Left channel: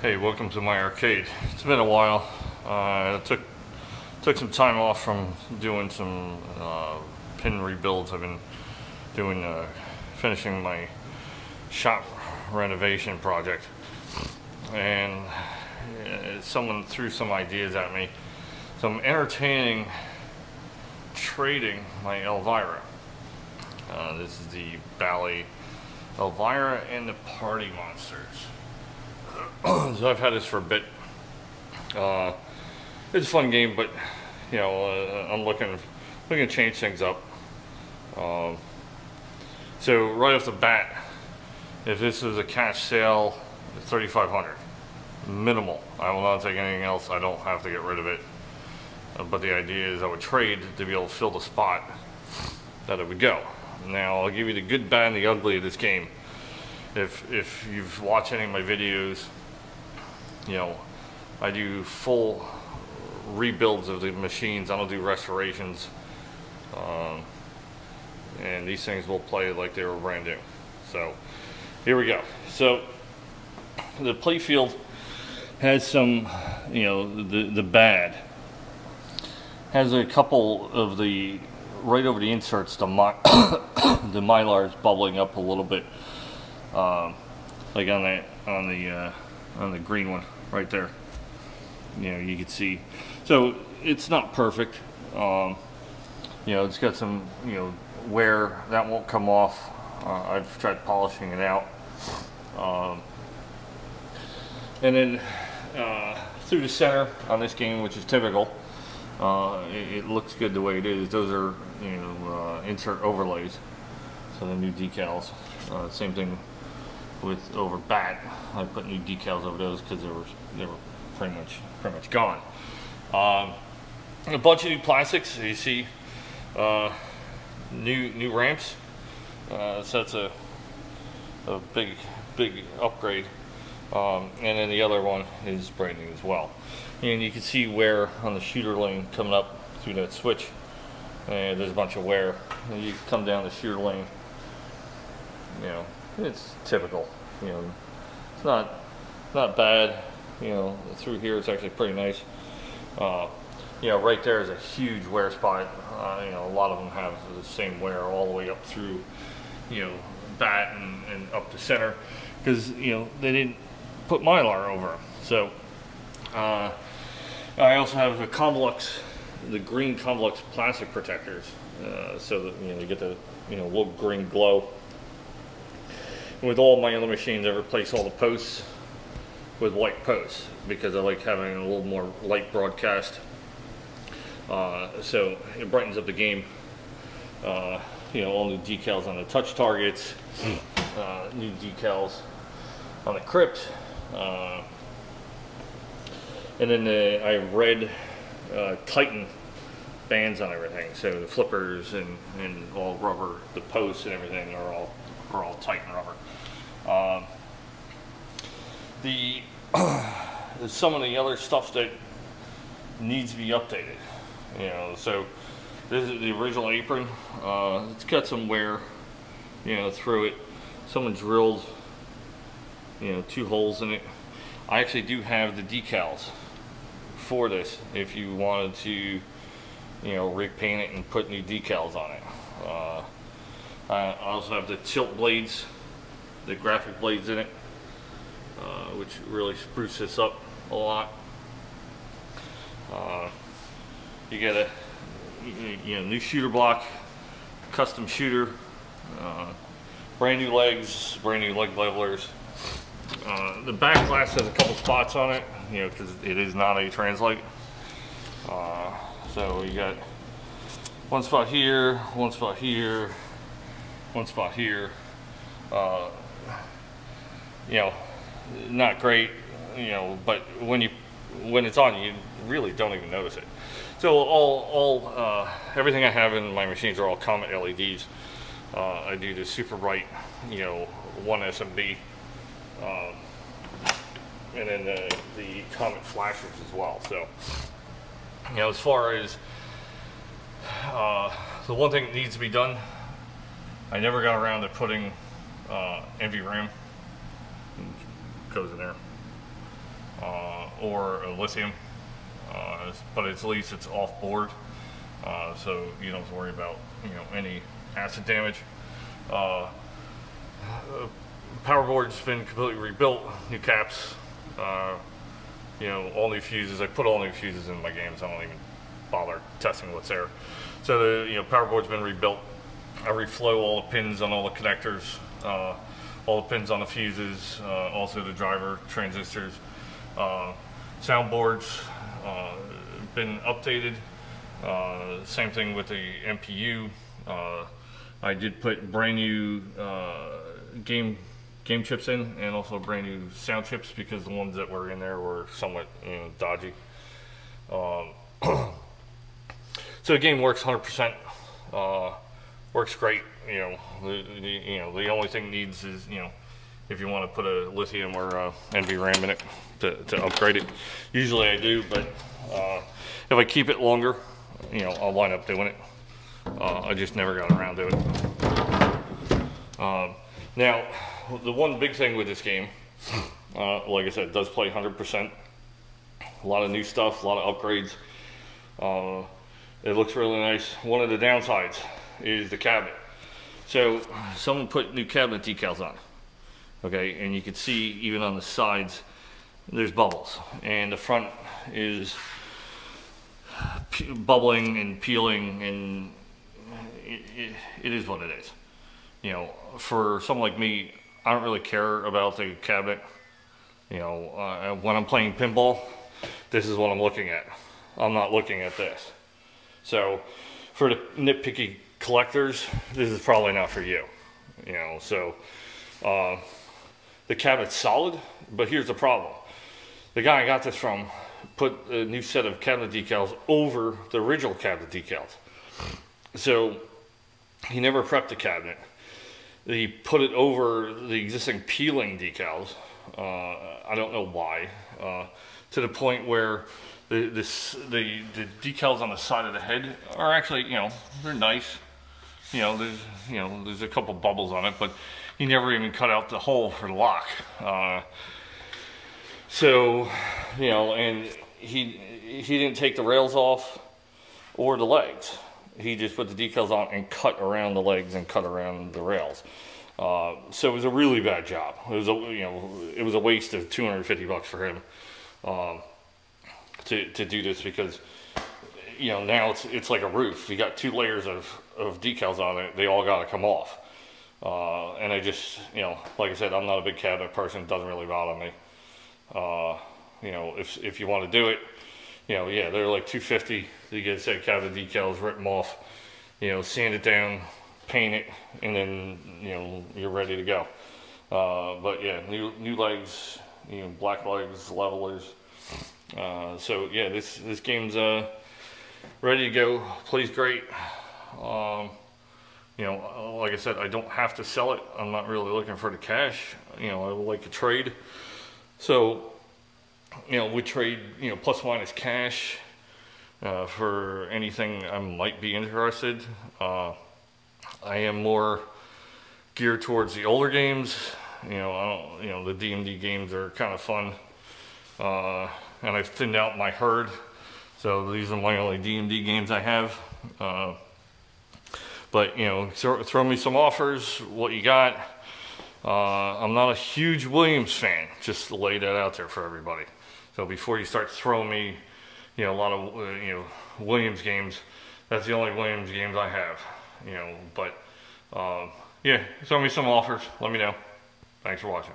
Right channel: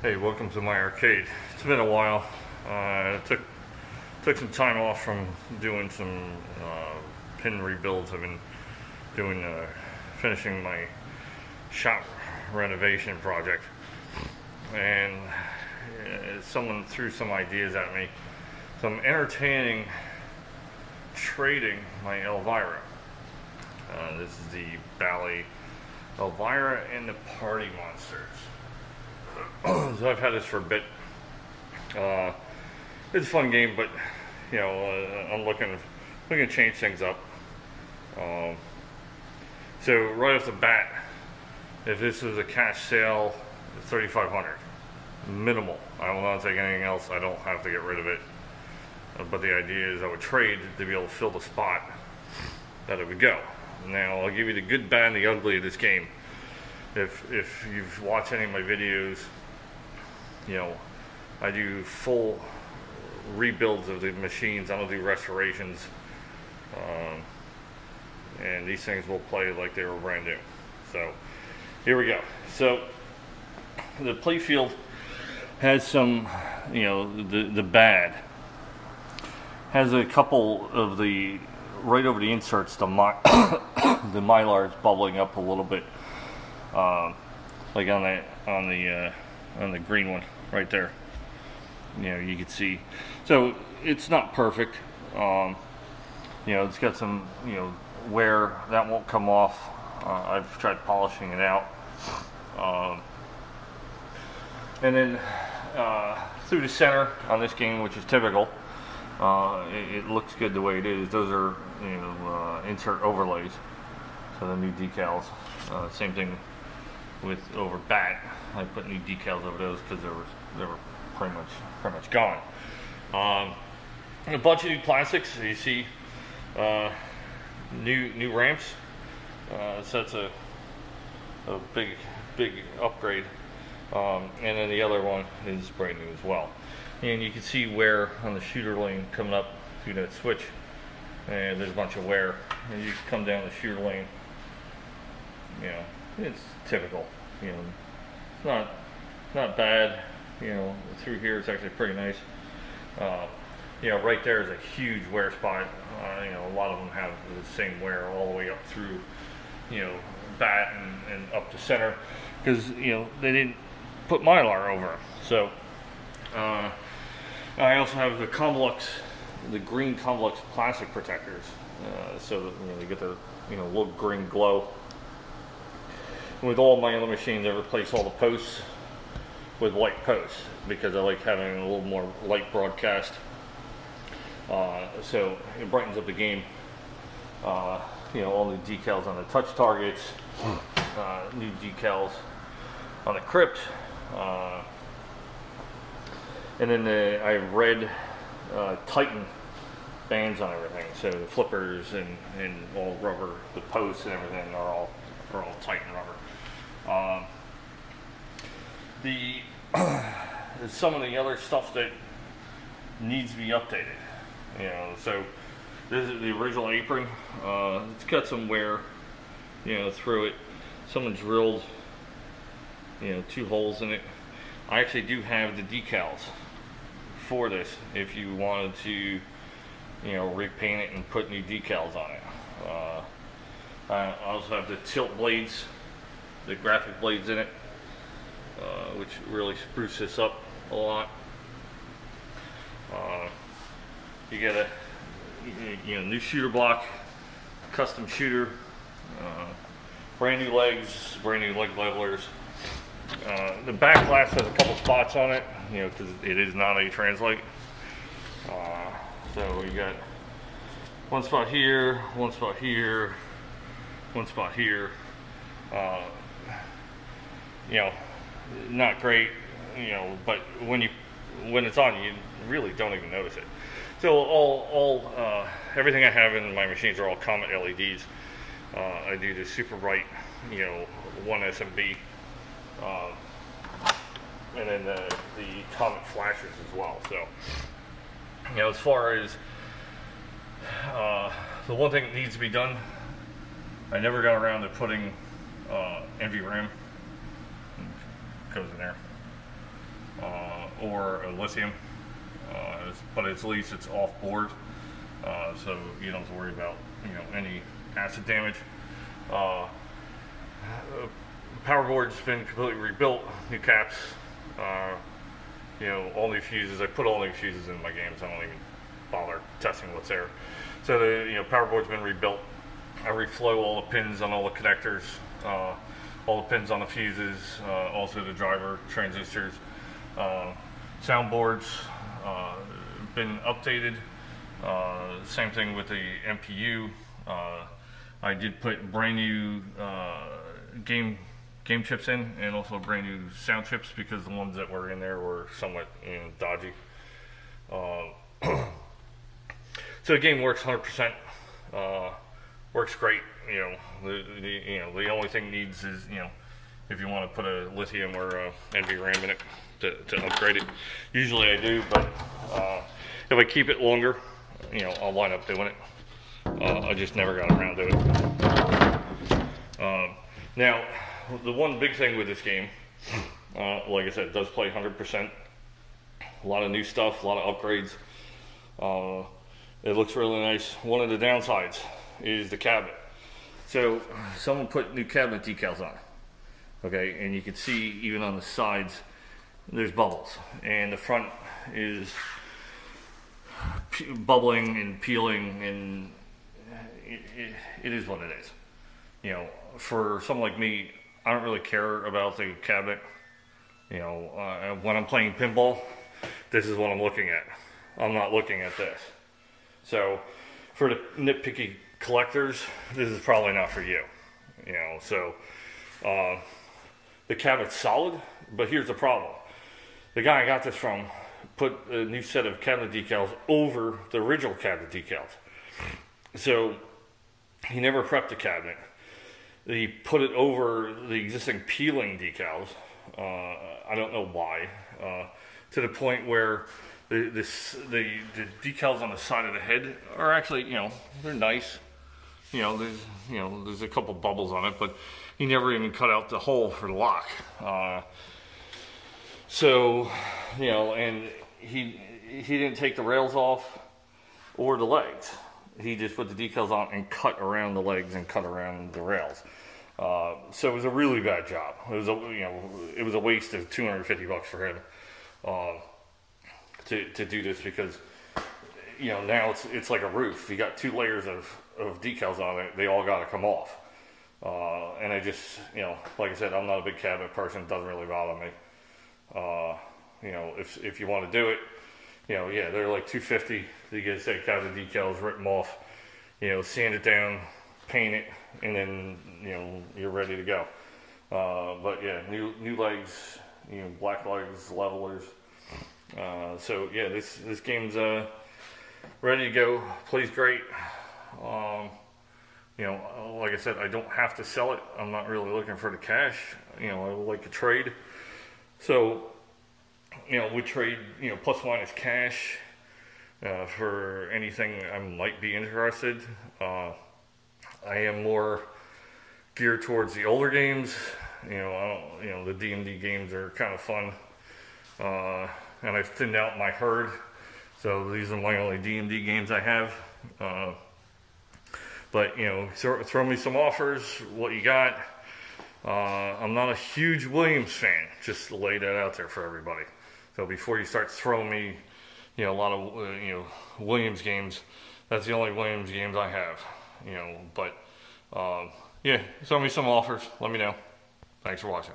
Hey, welcome to my arcade. It's been a while. I took some time off from doing some pin rebuilds. I've been doing finishing my shop renovation project, and someone threw some ideas at me. So I'm entertaining trading my Elvira. This is the Bally Elvira and the Party Monsters. So I've had this for a bit. It's a fun game, but you know, I'm looking to change things up. So right off the bat, if this was a cash sale, $3,500 minimal. I will not take anything else. I don't have to get rid of it. But the idea is I would trade to be able to fill the spot that it would go. Now I'll give you the good, bad, and the ugly of this game. If you've watched any of my videos, you know, I do full rebuilds of the machines. I don't do restorations, and these things will play like they were brand new. So here we go. So the Playfield has some, you know, the bad has a couple of the right over the inserts. The mylar is bubbling up a little bit, like on the green one right there. You know, you can see. So it's not perfect. You know, it's got some, you know, wear that won't come off. I've tried polishing it out, and then through the center on this game, which is typical. It looks good the way it is. Those are, you know, insert overlays. So the new decals. Same thing with over bat. I put new decals over those because they were pretty much gone. A bunch of new plastics. You see, new ramps. So that's a big upgrade. And then the other one is brand new as well. And you can see wear on the shooter lane coming up through that switch, and there's a bunch of wear. And you come down the shooter lane, you know, it's typical. You know, it's not bad. You know, through here it's actually pretty nice. You know, right there is a huge wear spot. You know, a lot of them have the same wear all the way up through, you know, bat and up the center, because, you know, they didn't put mylar over them. So I also have the green Convolux plastic protectors, so that, you know, you get the, you know, little green glow. And with all my other machines, I replace all the posts with white posts because I like having a little more light broadcast. So it brightens up the game. You know, all new decals on the touch targets, new decals on the crypt. And then I have red Titan bands on everything. So the flippers and all rubber, the posts and everything are all Titan rubber. Some of the other stuff that needs to be updated. You know, so this is the original apron. It's got some wear, you know, through it. Someone drilled, you know, 2 holes in it. I actually do have the decals for this if you wanted to, you know, repaint it and put new decals on it. I also have the tilt blades, the graphic blades in it, which really spruce this up a lot. You get a, you know, new shooter block, custom shooter, brand new legs, brand new leg levelers. The back glass has a couple spots on it, you know, because it is not a translate. So you got one spot here, one spot here, one spot here. You know, not great, you know, but when it's on, you really don't even notice it. So everything I have in my machines are all Comet LEDs. I do the super bright, you know, 1 SMB. And then the Comet flashers as well. So, you know, as far as the one thing that needs to be done, I never got around to putting NVRAM. Goes in there. or a lithium, but at least it's off board, so you don't have to worry about any acid damage. Power board's been completely rebuilt, new caps, all new fuses. I put all new fuses in my games. I don't even bother testing what's there. So the power board's been rebuilt. I reflow all the pins on all the connectors, all the pins on the fuses, also the driver transistors. Soundboards been updated. Same thing with the MPU. I did put brand new game chips in, and also brand new sound chips, because the ones that were in there were somewhat dodgy. So the game works 100%. Works great. The only thing needs is if you want to put a lithium or a NVRAM in it to upgrade it. Usually I do, but if I keep it longer, I'll wind up doing it. I just never got around to it. Now, the one big thing with this game, like I said, it does play 100%. A lot of new stuff, a lot of upgrades. It looks really nice. One of the downsides is the cabinet. So someone put new cabinet decals on it, okay, and you can see even on the sides there's bubbles, and the front is bubbling and peeling, and it is what it is. For someone like me, I don't really care about the cabinet. When I'm playing pinball, this is what I'm looking at. I'm not looking at this. So for the nitpicky collectors, this is probably not for you. The cabinet's solid, but here's the problem. The guy I got this from put a new set of cabinet decals over the original cabinet decals. So he never prepped the cabinet. He put it over the existing peeling decals. I don't know why. To the point where the decals on the side of the head are actually, they're nice. There's a couple bubbles on it, but he never even cut out the hole for the lock. And he didn't take the rails off or the legs. He just put the decals on and cut around the legs and cut around the rails. So it was a really bad job. It was a waste of $250 for him to do this, because now it's like a roof. You got 2 layers of decals on it. They all got to come off. And I just, like I said, I'm not a big cabinet person. It doesn't really bother me. If you want to do it, yeah, they're like $250. You get a set of cabinet decals, rip them off, sand it down, paint it, and then you're ready to go. But yeah, new legs, black legs, levelers. So yeah, this game's ready to go. Plays great. Like I said, I don't have to sell it. I'm not really looking for the cash. I would like to trade. So we trade plus minus cash for anything I might be interested. I am more geared towards the older games. The DMD games are kind of fun. And I've thinned out my herd, so these are my only DMD games I have. But throw me some offers, what you got. I'm not a huge Williams fan, just to lay that out there for everybody. So before you start throwing me a lot of Williams games, that's the only Williams games I have. But yeah, throw me some offers, let me know. Thanks for watching.